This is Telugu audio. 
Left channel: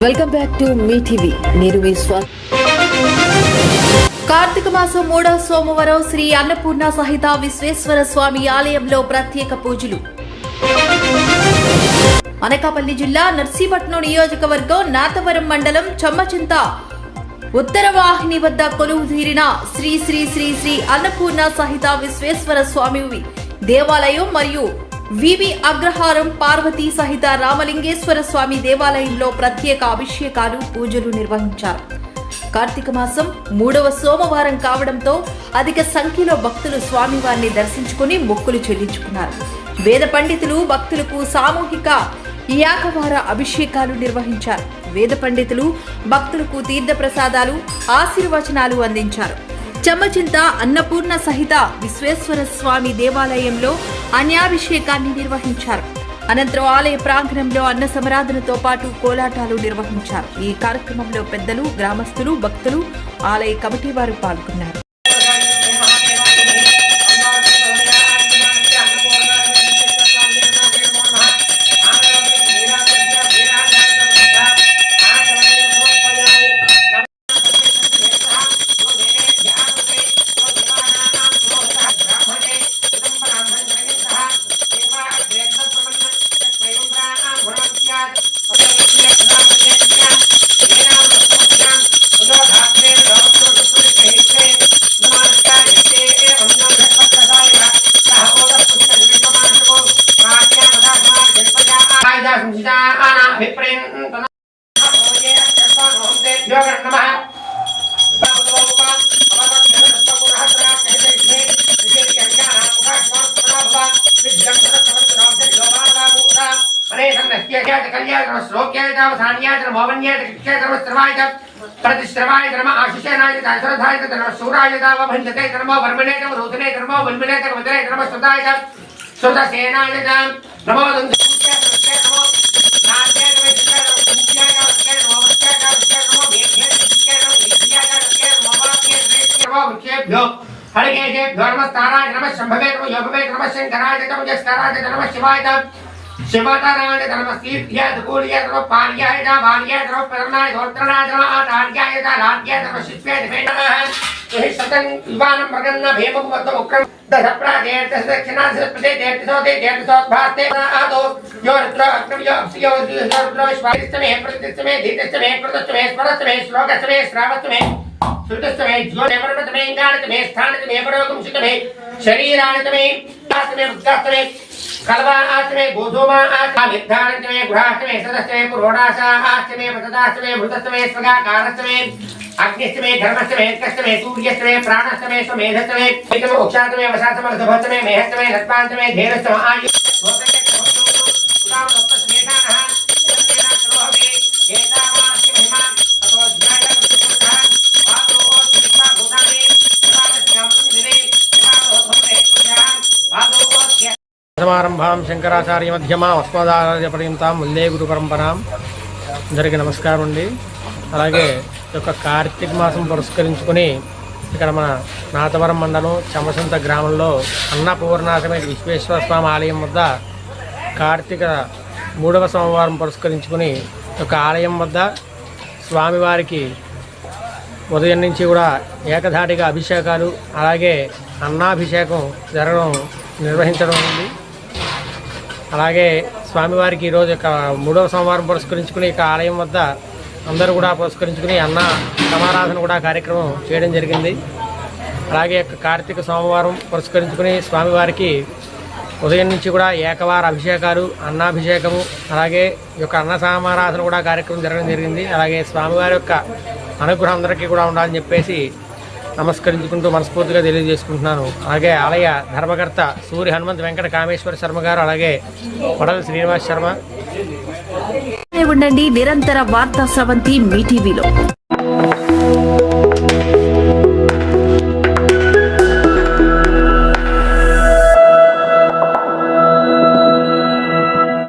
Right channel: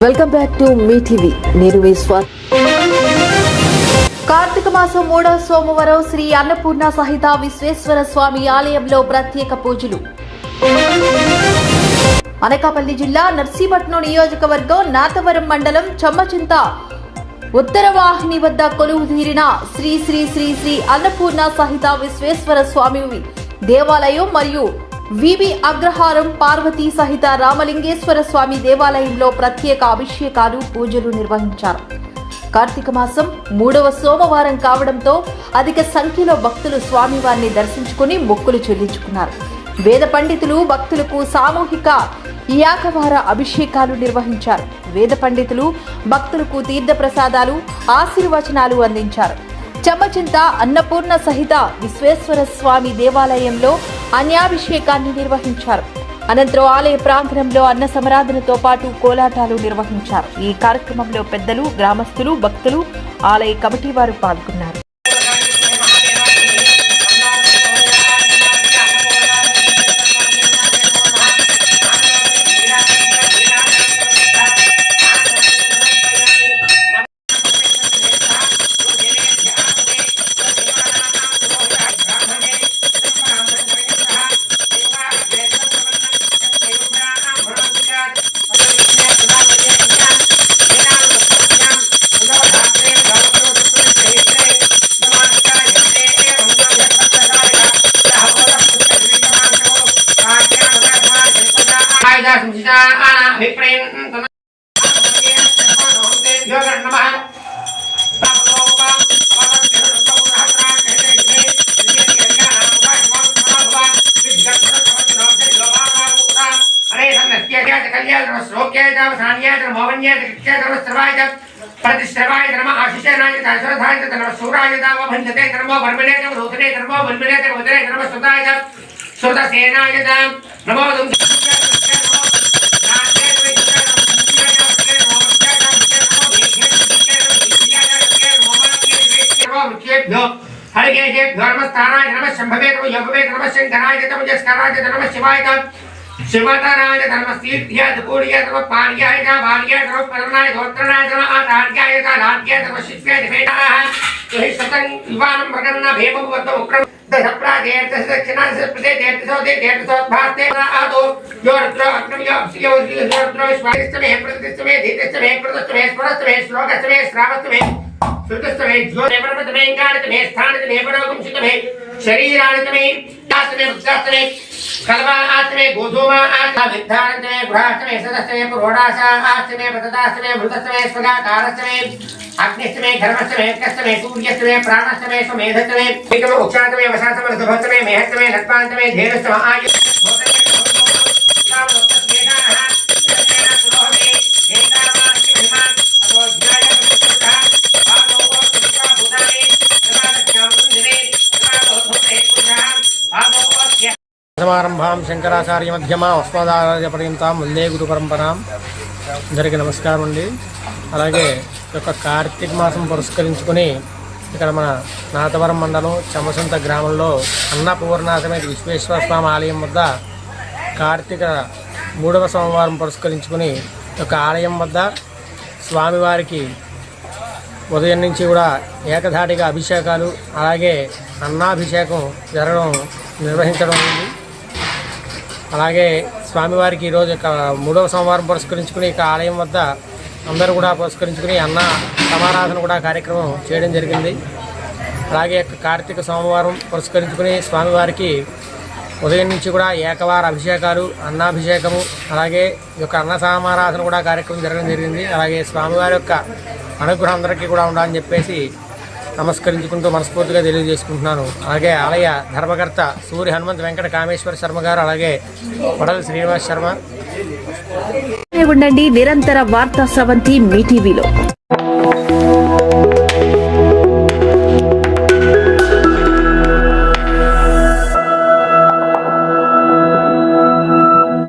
వెల్కమ్ బ్యాక్ టు మీ టీవీ. నేను మీ కార్తీక మాసం మూడో సోమవారం శ్రీ అన్నపూర్ణ సహిత విశ్వేశ్వర స్వామి ఆలయంలో ప్రత్యేక పూజలు. అనకాపల్లి జిల్లా నర్సీపట్నం నియోజకవర్గం నాతవరం మండలం చమ్మచింత ఉత్తర వాహిని వద్ద కొలువు తీరిన శ్రీ శ్రీ శ్రీ శ్రీ అన్నపూర్ణ సహిత విశ్వేశ్వర స్వామి దేవాలయం మరియు వివి అగ్రహారం పార్వతీ సహిత రామలింగేశ్వర స్వామి దేవాలయంలో ప్రత్యేక అభిషేకాలు పూజలు నిర్వహించారు. కార్తీక మాసం మూడవ సోమవారం కావడంతో అధిక సంఖ్యలో భక్తులు స్వామివారిని దర్శించుకుని మొక్కులు చెల్లించుకున్నారు. వేద పండితులు భక్తులకు సామూహిక యాకవార అభిషేకాలు నిర్వహించారు. వేద పండితులు భక్తులకు తీర్థ ప్రసాదాలు ఆశీర్వచనాలు అందించారు. చెమ్మచింత అన్నపూర్ణ సహిత విశ్వేశ్వర స్వామి దేవాలయంలో అన్యాభిషేకాన్ని నిర్వహించారు. అనంతరం ఆలయ ప్రాంగణంలో అన్న సమరాధనతో పాటు కోలాటాలు నిర్వహించారు. ఈ కార్యక్రమంలో పెద్దలు గ్రామస్తులు భక్తులు ఆలయ కమిటీ వారు పాల్గొన్నారు. प्रतिश्रवाय धर्म आशिषेनाय दासरथाय धर्म सूराय दाव भंजते धर्म वर्मणे धर्म रोदने धर्म वल्मणे धर्म वदने धर्म सुताय धर्म सुतसेनाय धर्म नमो दं हरिकेशेभ्यो नमस्ताराय नमः शम्भवे नमः योगवे नमः शङ्कराय नमः जस्कराय नमः शिवाय नमः शिवताराय नमः सीर्ध्याय दूर्याय नमः पार्याय नमः वार्याय नमः परमनाय गोत्रनाय नमः आधार्याय नमः लाड्याय नमः शिष्याय नमः यह शतं युवानं मगन्न भेमं वद्द उक्रम दशप्रागेर् दश दक्षिणा दश प्रदे देर्दशो दे देर्दशो भास्ते आदो यो रुद्र अग्रम यो अप्सियो यो रुद्र विश्वादिष्ट में प्रतिष्ठ में धीतष्ट में प्रदष्ट में स्मरष्ट में श्लोकष्ट में श्रावष्ट में सुतस्तमे ज्योतिर्परमतमे इंगारतमे स्थानतमे परोगम सुतमे शरीरानतमे दासमे मुक्तास्तमे कलवा आसमे गोधोमा आसमे विद्धानतमे गुहास्तमे सदस्तमे पुरोडास आसमे पतदास्तमे मृतस्तमे स्वगाकारस्तमे अग्निस्तमे धर्मस्तमे कस्तमे सूर्यस्तमे प्राणस्तमे स्वमेधस्तमे एकमे उक्षान्तमे वशास्तमे ऋतुभस्तमे मेहस्तमे नत्पान्तमे धेनस्तमे आयु సమారంభాం శంకరాచార్య మధ్యమ అస్మదాచార్య పర్యంతం వందే గురు పరంపరాం అందరికీ నమస్కారం అండి. అలాగే యొక్క కార్తీక మాసం పురస్కరించుకొని ఇక్కడ మన నాతవరం మండలం చమసంత గ్రామంలో అన్నపూర్ణాసమేత విశ్వేశ్వర స్వామి ఆలయం వద్ద కార్తీక మూడవ సోమవారం పురస్కరించుకుని యొక్క ఆలయం వద్ద స్వామివారికి ఉదయం నుంచి కూడా ఏకధాటిగా అభిషేకాలు అలాగే అన్నాభిషేకం జరగడం నిర్వహించడం ఉంది. అలాగే స్వామివారికి ఈరోజు ఇక మూడవ సోమవారం పురస్కరించుకుని ఇక ఆలయం వద్ద అందరూ కూడా పురస్కరించుకుని అన్న సమారాధన కూడా కార్యక్రమం చేయడం జరిగింది. అలాగే కార్తీక సోమవారం పురస్కరించుకుని స్వామివారికి ఉదయం నుంచి కూడా ఏకవార అభిషేకాలు అన్నాభిషేకము అలాగే ఈ యొక్క అన్న సమారాధన కూడా కార్యక్రమం జరగడం జరిగింది. అలాగే స్వామివారి యొక్క అనుగ్రహం అందరికీ కూడా ఉండాలని చెప్పేసి నమస్కరించుకుంటూ మనస్ఫూర్తిగా తెలియజేసుకుంటున్నాను. అలాగే ఆలయ ధర్మకర్త సూర్య హనుమంత్ వెంకట కామేశ్వర శర్మ గారు అలాగే వడల శ్రీనివాస్ శర్మ. ఉండండి నిరంతర వార్తా స్రవంతి మీ టీవీలో.